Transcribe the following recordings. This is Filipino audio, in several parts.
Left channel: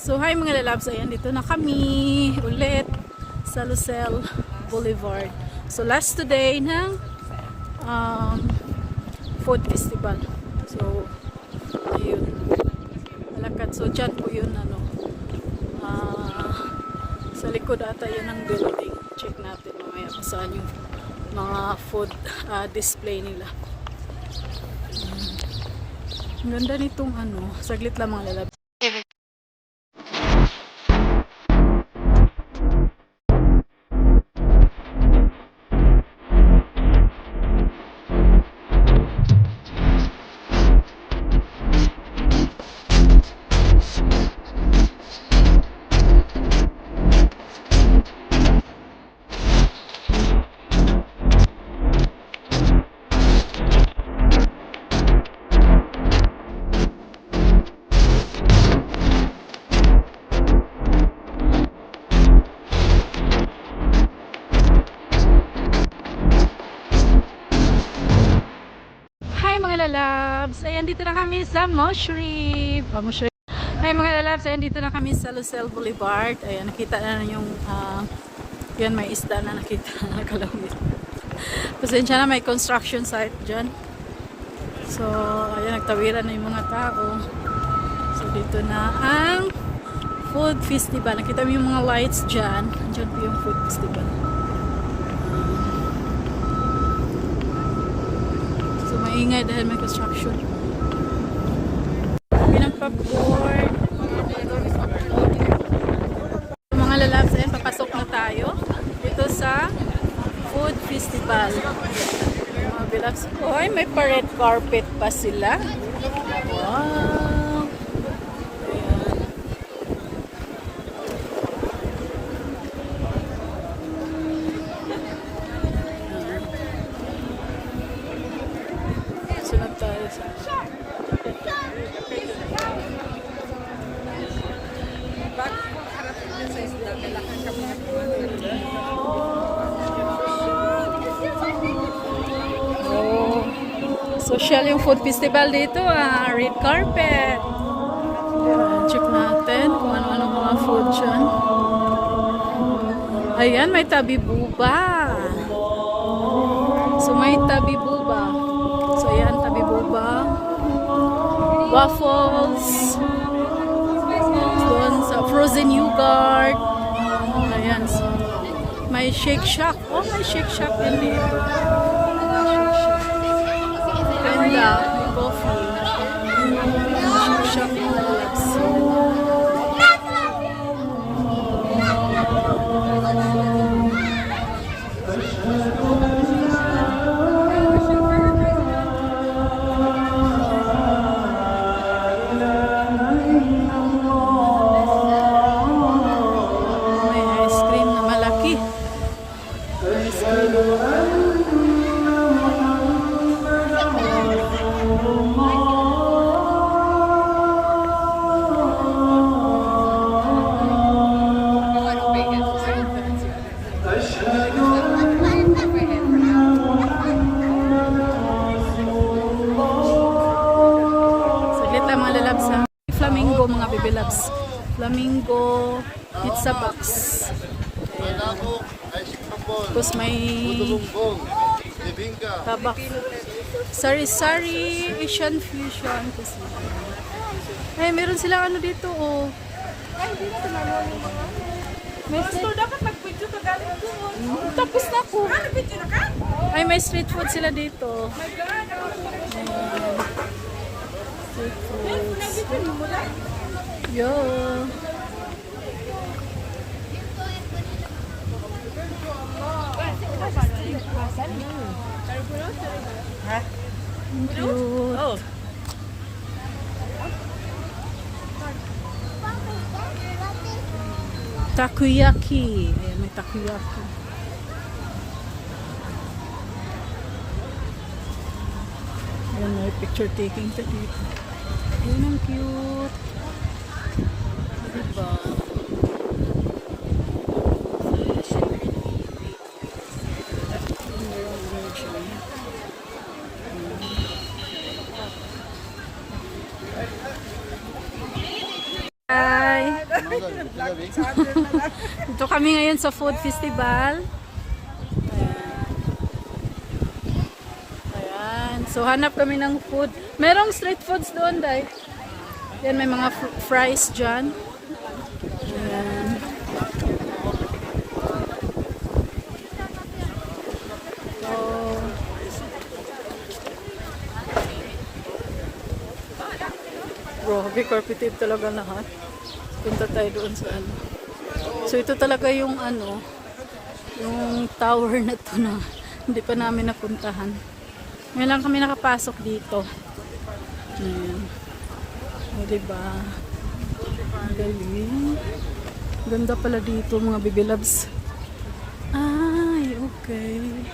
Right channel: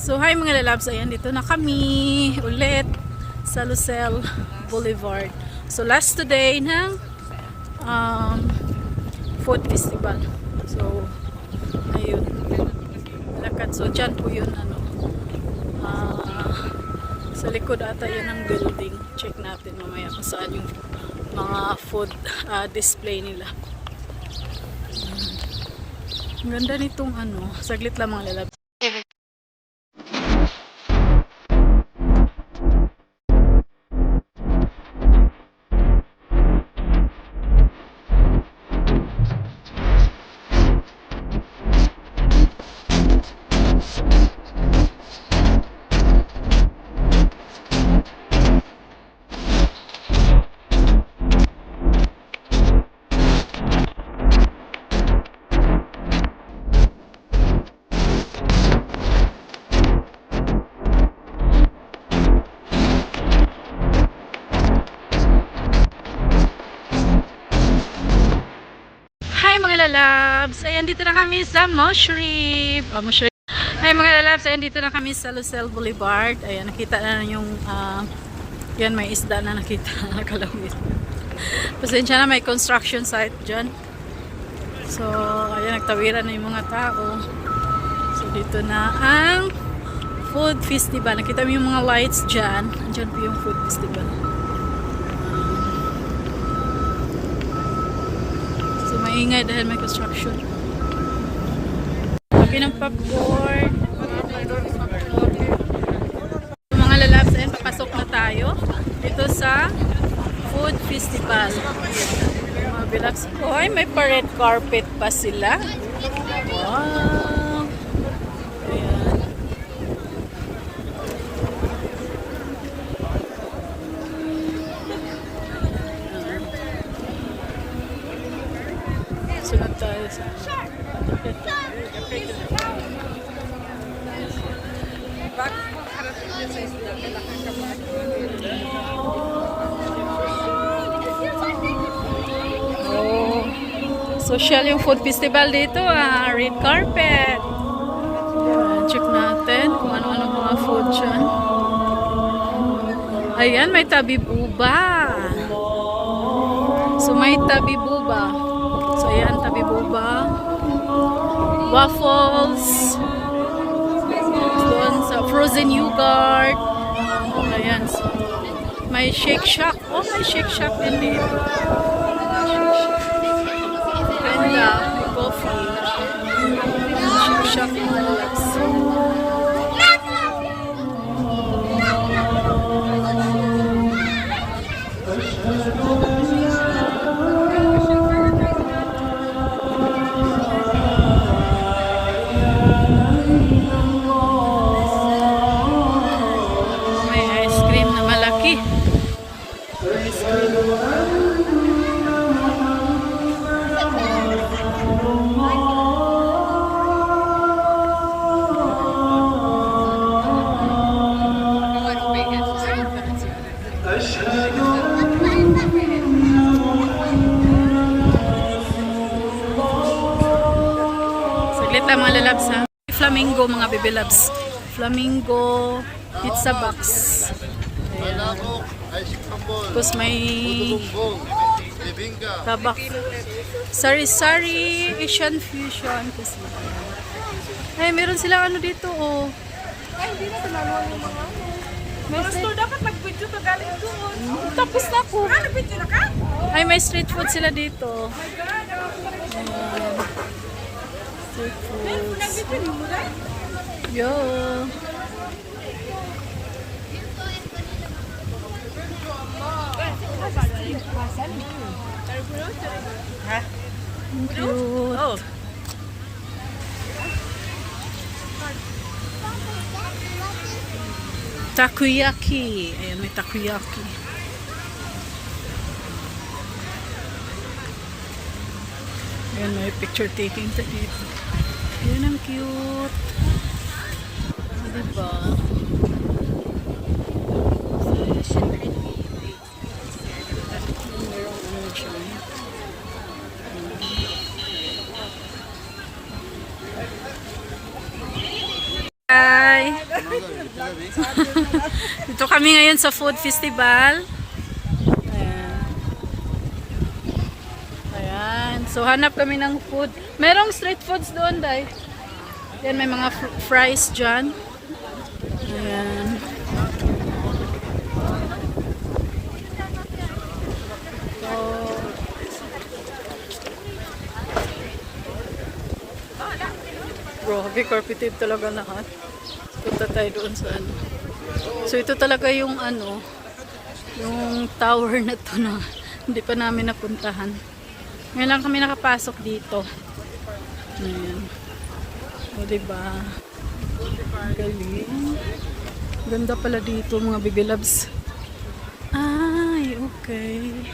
So hi mga lalabs, ayan dito na kami ulit sa Lucelle Boulevard. So last today ng food festival. So ayun, malakad. So dyan po yun sa likod ata yun ang building. Check natin mamaya kung saan yung mga food display nila. Ang ganda nitong saglit lang mga lalabs. Hi mga lalabs! Ayan dito na kami sa Mushroom. Hi mga lalabs! Ayan dito na kami sa Lucelle Boulevard. Ayan, nakita na yung yan, may isda na nakita. Nakalawis. Pasensya na, may construction site dyan. So, ayan, nagtawiran na yung mga tao. So, dito na ang food festival. Nakita mo yung mga lights dyan. Andyan po yung food festival. So, maingay dahil may construction. Laki ng popcorn. Mga lalabs, ayan, papasok na tayo dito sa food festival. Yung mga bilags po, ay may pa-red carpet pa sila. Wow! Ayan. Sunod tayo sa social yung food festival dito, red carpet. Check natin kung ano-ano mga food dyan. Ayan, may tabi buba. So may tabi buba. So ayan, tabi buba. Waffles. Doon sa frozen yogurt. Ayan. So, may Shake Shack. Oh, may Shake Shack din dito. Ganda. May coffee. Shake Shack mga lalabs. May ice cream na malaki. Ice cream. Saglit lang mga lalabs ha. Flamingo mga baby loves. Flamingo pizza box. Ayan. Tapos may tabak. Sari-sari Asian fusion kasi. Ay, meron silang dito oh. May dapat mag-video to galing doon. Tapos na ako. Ay, may street food sila dito. Ayan. Street foods. Yo. Cute. Takoyaki. Ayan, may takoyaki. Ayan, may picture taking sa dito. Ayan, ang cute. Diba? Merong dyan. Hi! Dito kami ngayon sa food festival. Ayan. Ayan. So hanap kami ng food. Merong street foods doon, Day. Yan, may mga fries dyan. Ayan. So, grabe, carpeted talaga lahat. Punta tayo doon sa ano. So ito talaga yung ano, yung tower na to na hindi pa namin napuntahan. Ngayon lang kami nakapasok dito. Ayan. O diba? Galing. Ganda pala dito mga baby loves. Ay, okay.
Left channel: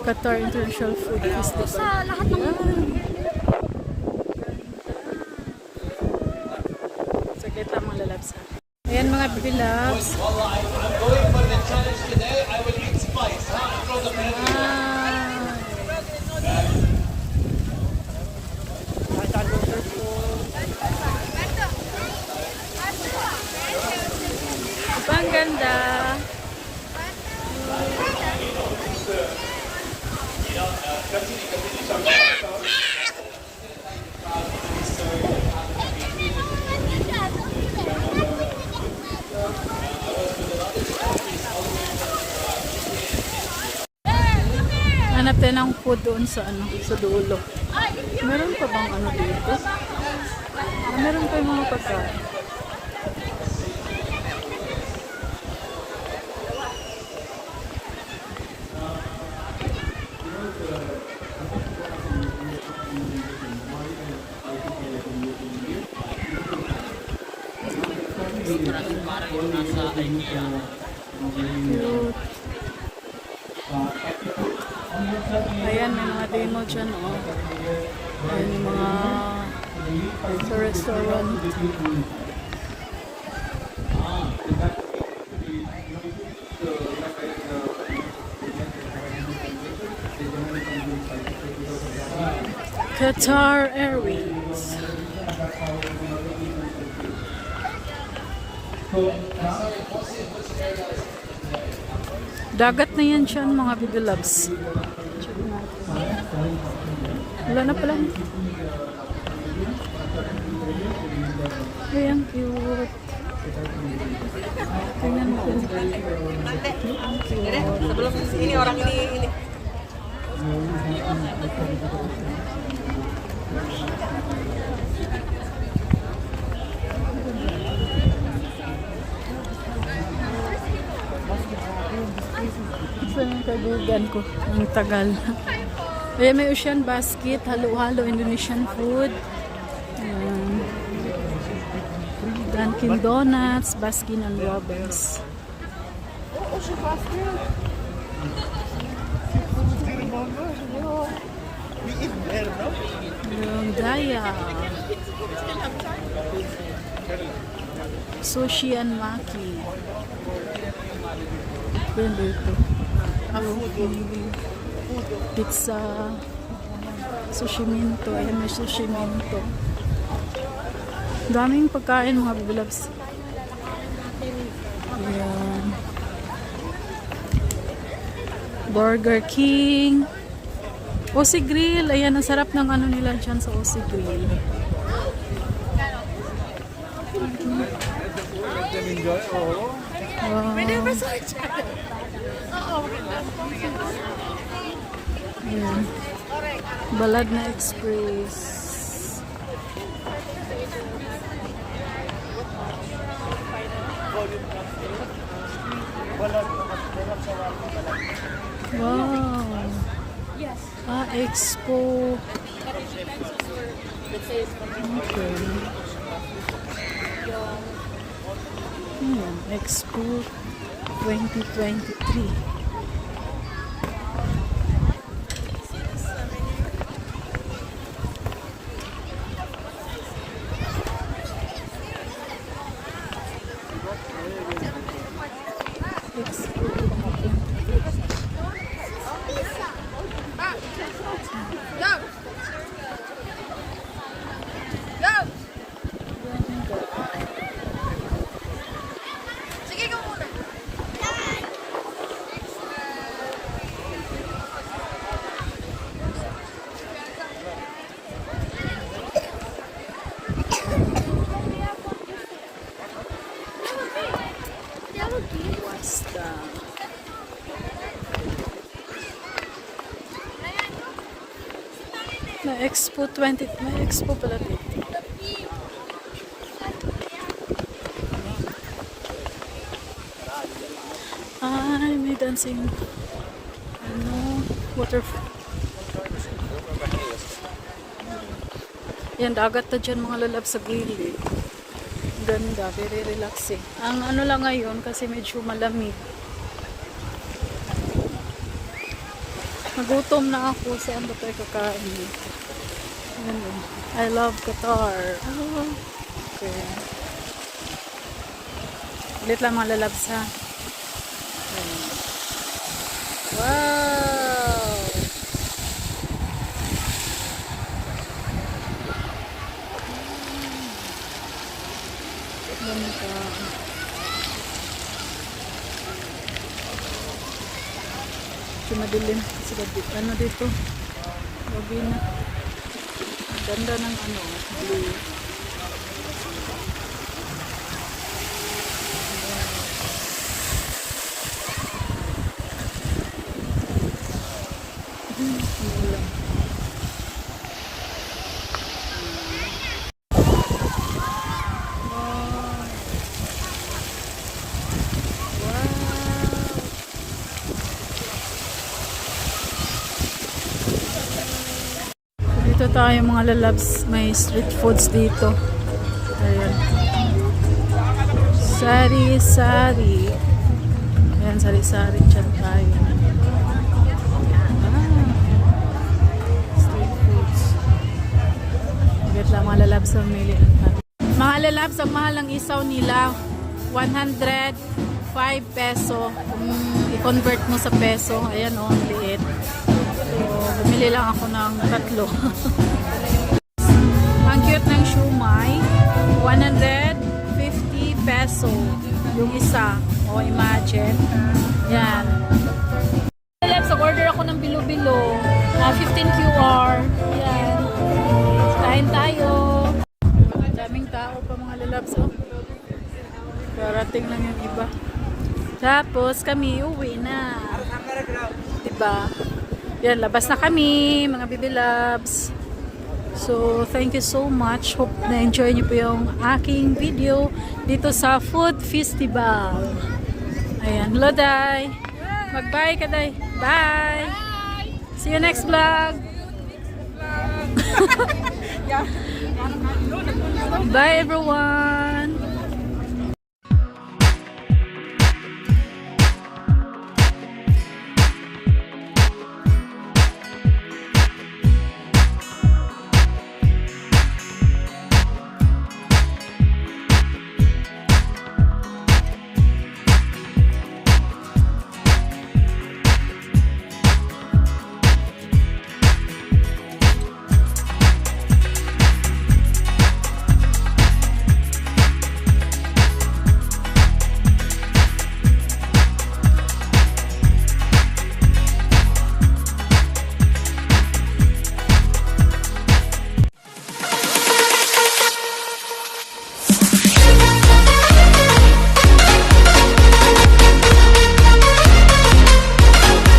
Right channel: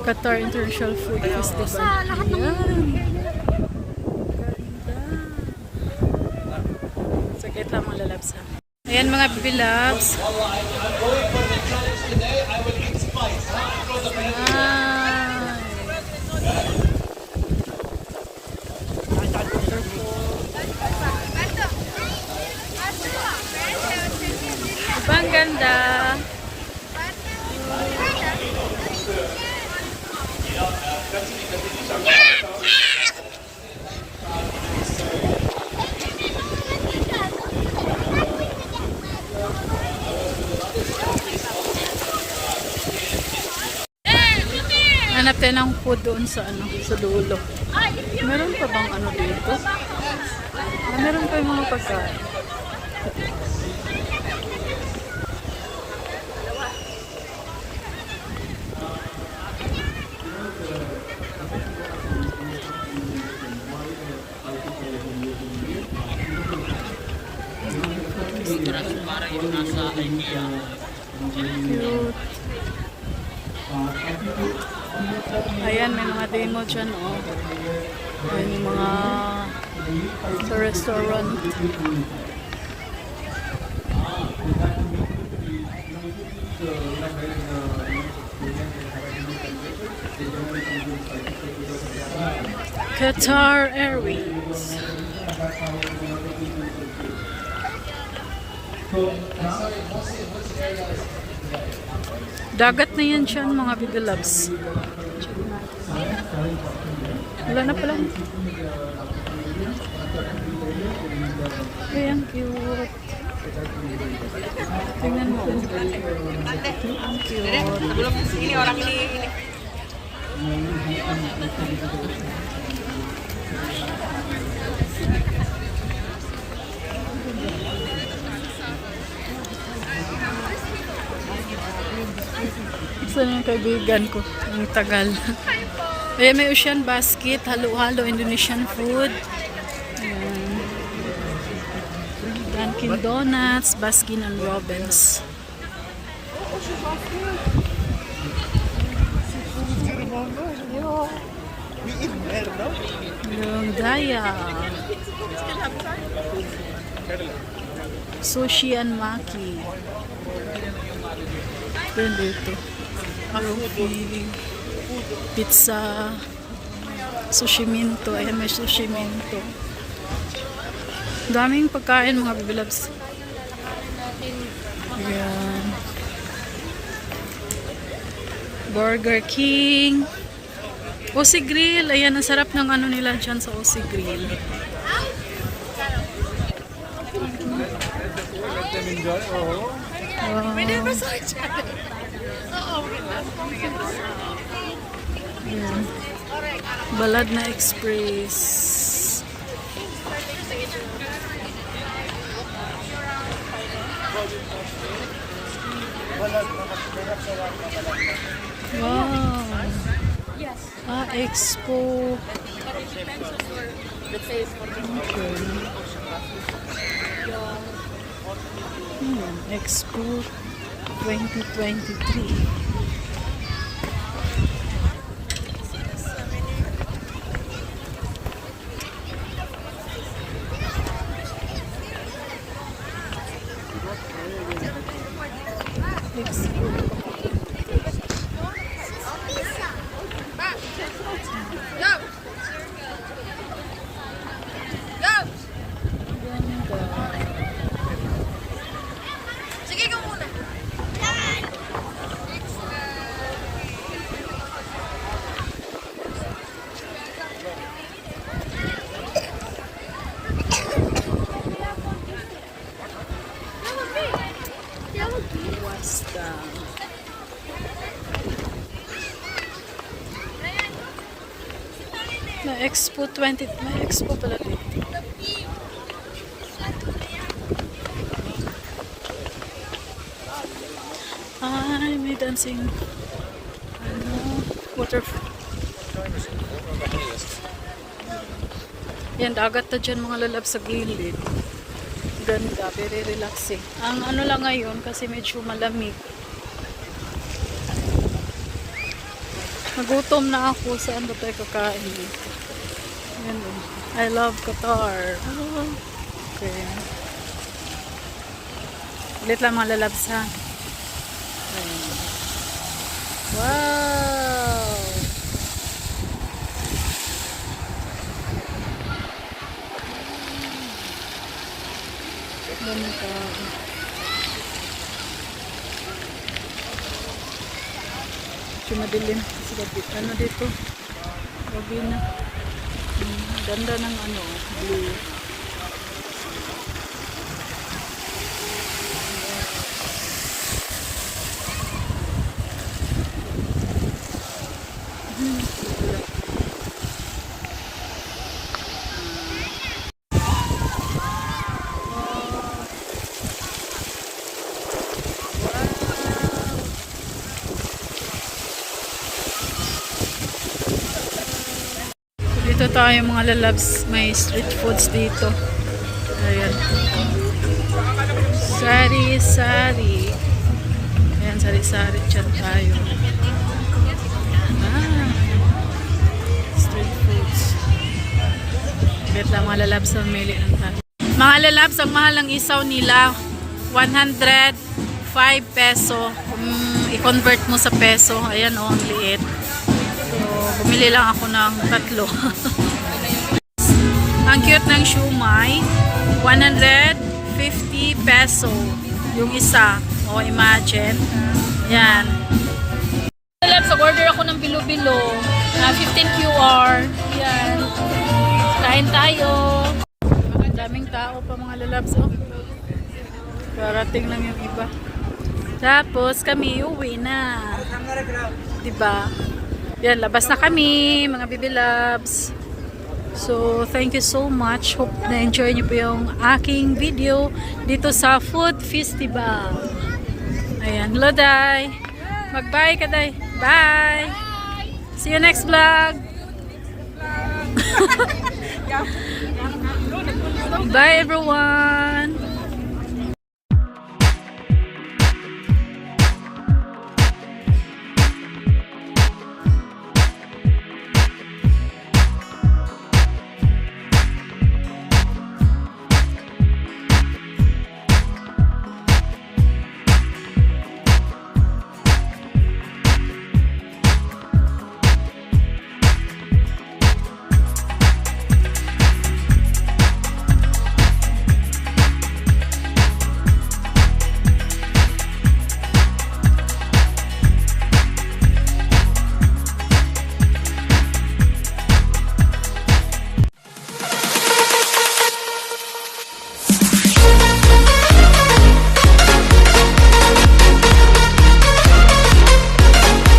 Qatar International Food Festival. Ayan. Saglit lang mga lalabs ha. Ayan mga baby loves. Ang ganda. Hanap tayo ng food doon sa ano, sa dulo. Meron pa bang ano dito? Meron pa yung mga pagkain. Cute. Ayan, may mga demo dyan, oh. Ayan yung mga sa restaurant. Qatar Airways. Dagat na yan siya, mga baby loves. Wala na pala. Ayan, cute. Tingnan mo. Ang cute. Saan yung kaibigan ko? Ang tagal. Ayan, may ocean basket. Halo-halo Indonesian food. Ayan. Dunkin Donuts, Baskin and Robbins. Yung Daya. Sushi and Maki. Ayan dito. Roti, pizza, sushi minto. Ayan, may sushi minto. Daming pagkain mga baby loves. Ayan. Burger King. Aussie Grill. Ayan, ang sarap ng ano nila dyan sa Aussie Grill. Wow. Ayan. Balad na Express. Wow. Ah, Expo. Okay. Ayan, Expo 2023. Expo 2023. ganda. Sige, go muna. Wasta. May Expo 20. May Expo pala dito. Ay, may dancing. Ano? Water. Yan, dagat na dyan mga lalab sa gilid. Ganda, very relaxing. Ang ano lang ngayon, kasi medyo malamig. Nagutom na ako. Saan ba tayo kakain? Yan, I love Qatar. Oh, okay. Ulit lang mga lalabs ha. Ayan. Wow! Ganda. Kasi madilim. Kasi ano dito? Gabi na. Ganda ng ano, blue. Dito tayo mga lalabs, may street foods dito. Ayan. Sari-sari. Ayan, sari-sari dyan tayo. Ah, street foods. Wait lang mga lalabs, mamili lang tayo. Mga lalabs, ang mahal ng isaw nila, 105 peso. Kung i-convert mo sa peso, ayan o, ang liit. Bumili lang ako ng 3. Ang cute ng siumay, 150 peso yung isa. O, imagine. Yan. So, order ako ng bilo-bilo. 15 QR. Yan. Kain tayo. Daming tao pa mga lalabs. Oh. Parating lang yung iba. Tapos kami uwi na. Diba? Yan, labas na kami, mga baby loves. So, thank you so much. Hope na-enjoy niyo po yung aking video dito sa Food Festival. Ayan, hello, Day. Mag-bye ka, Day. Bye! See you next vlog! Bye, everyone!